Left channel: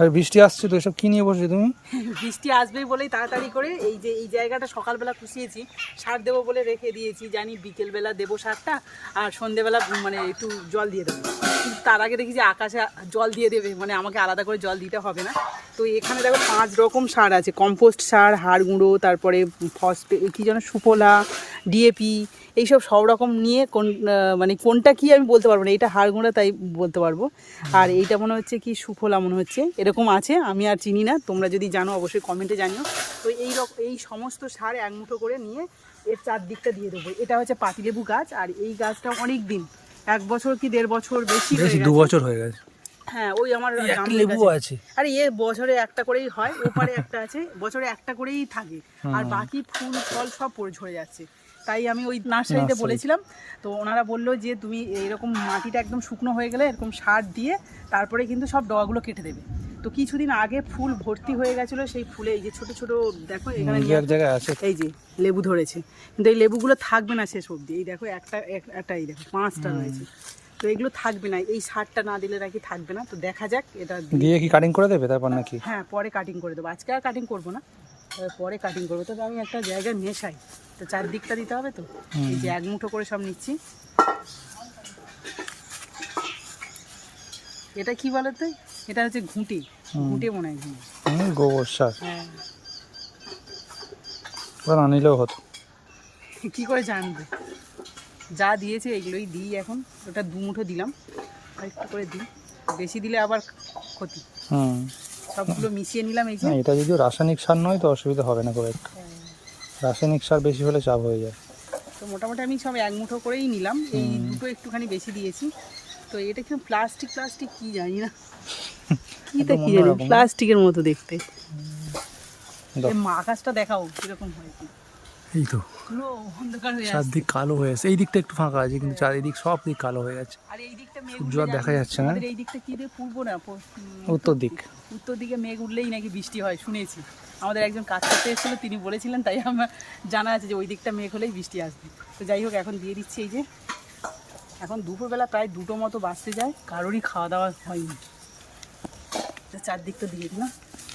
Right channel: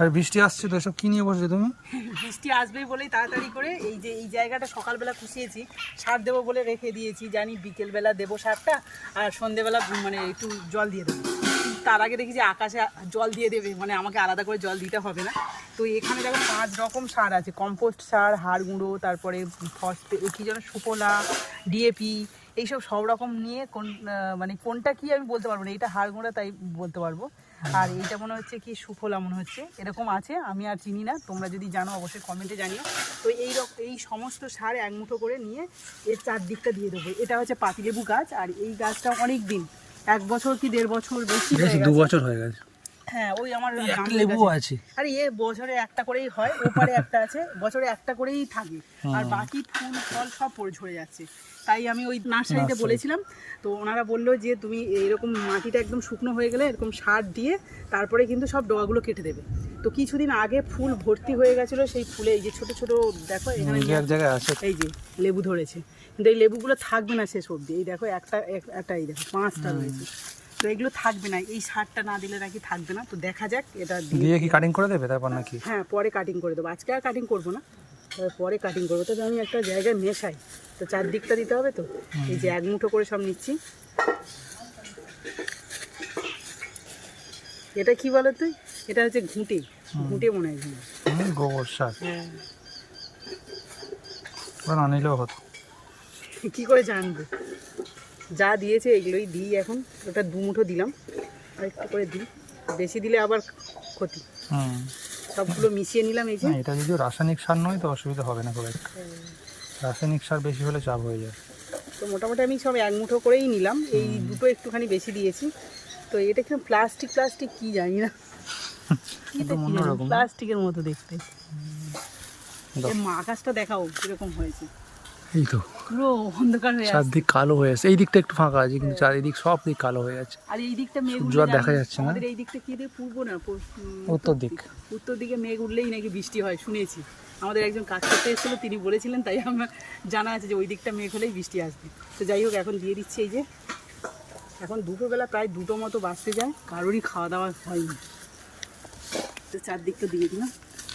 আর বৃষ্টি আসছে তো, এসব কি নিয়ে বসছো তুমি? বৃষ্টি আসবেই বলেই তাড়াতাড়ি করে এই যে এই জায়গাটা সকালবেলা কুচিয়েছি, সার দেবো বলে রেখে দিয়েছি, জানি বিকেলবেলা দেবো সারটা আর সন্ধেবেলা মানে একটু জল দিয়ে দেবো। কিন্তু তার আগে দেখি যে আকাশে জল দিয়ে দেবে, মানে আমাকে আলাদা করে জল দিতে হবে না। তো এখানে দেখো 5 রকম সার আছে, কম্পোস্ট সার, হাড় গুঁড়ো, তারপরে ফসফেট কী যেন সুফলা, ডিএপি, এইসব সব রকম নিয়ে মানে কোনটা কি আমি বলতে পারবো না, এটা হাড় গুঁড়া তাই বলতে পারবো, আর এইটা মনে হচ্ছে কি সুফলা মনে হচ্ছে, এরকম আছে, আমি আর চিনি না, তোমরা যদি জানো অবশ্যই কমেন্টে জানিও। তো এই সমস্ত সার এক মুঠো করে নিয়ে এর চারদিকটা দিয়ে দেবো। এটা হচ্ছে পাতিলেবু গাছ, আর এই গাছটা অনেক দিন, 1 বছর কি 1.5 বছর বেশি হয়ে গেছে, 2 বছর হয়ে গেছে। হ্যাঁ, ওই আমার লেবু আছে। আরে বছরে একটা করেই হয়, ওপারে একটা আছে, বছরে একটা করেই থাকে, আর বাকি ফুল ফল সব পড়ে ঝরে যাচ্ছে। তাই আমি ওই নার্সারিতে বলেছিলাম, তো ওনারা বললো যে তুমি এরকম মাটিটা একদম শুকনো হয়ে গেলে এরকম সার দিয়ে তারপরে কিন্তু সব ডগাগুলো কেটে দেবে। তো কিছুদিন আগে ফুল ভর্তি হয়ে গেছিলো, সেই ফুলে এই যে ছোট ছোট দেখো এখানে এক জায়গায় আছে, এই যে লেবু ধরেছে, কিন্তু এই লেবুগুলো থাকবে না শেষ অবধি। এই দেখো একটা এই দেখো 5টা রয়েছে, তো এগুলো থাকবে না, এই সারটা না দিলে নাকি থাকবে না। তো দেখা যাক, এটা দিয়ে কি কাটিং করে দেবে তারপর নাকি? হ্যাঁ, পরে কাটিং করে দেবো, আজকে আর কাটিং করবো না, পরে কাটিং করবো। তো আমি একটা জায়গায় মেশাই, তো চারদিকটা দিতে হবে, তো এই যে এক মুঠো করে সব নিচ্ছি। এটা কি বলে তুই, এটা হচ্ছে ঘুঁটে মনে হয়, গোবর সার। হ্যাঁ, না নিলেও হতো, কী করে জানবো, যা দিয়েছে এগুলোই দিই এখন। ওটা 2 মুঠো দিলাম, আর একটু করে দিই, বেশি দিলে আবার ক্ষতি। সবগুলো মিশিয়ে নিলাম। এই যে এটা যদিও রাসায়নিক সার নয় তো অসুবিধা হবে না খুব একটা, রাসায়নিক সার বেশি হলে চাপ হয়ে যায়। তো মোটামুটি আমি সব 1 মুঠো করেই নিলাম, এই দুটো একটুখানি বেশি দিয়েছি। তো এটা কিন্তু প্লাস্টিক কি জানি না, প্লাস্টিকের মতো দেখতে। আকাশটা দেখাও কিরকম হয়েছে, এই তো পুরো অন্ধকার হয়ে আছে, চারদিক কালো হয়ে আছে। এই দিকটা একটু ফাঁকা আছে, কিন্তু চারিদিক সব দিক কালো হয়ে আছে, আর এই দিকটা সূর্য আর দেখা যাচ্ছে না। এই দিকটা কি পূর্ব না উত্তর দিকে মেঘ উঠলেই নাকি বৃষ্টি হয় শুনেছি। আমাদের একজন কাজ করতে এসেছিলো, তিনি বলেছিলেন, তাই আমার জানা আছে যে ওই দিকটা মেঘ হলেই বৃষ্টি আসবে। তো যাই হোক, এখন দিয়ে দিচ্ছি। এই যে এখন দুপুরবেলা প্রায় 2টো মতো বাজতে যায়, কারোরই খাওয়া দাওয়া হয়নি, তো চারদিকটা দিয়ে দিই না।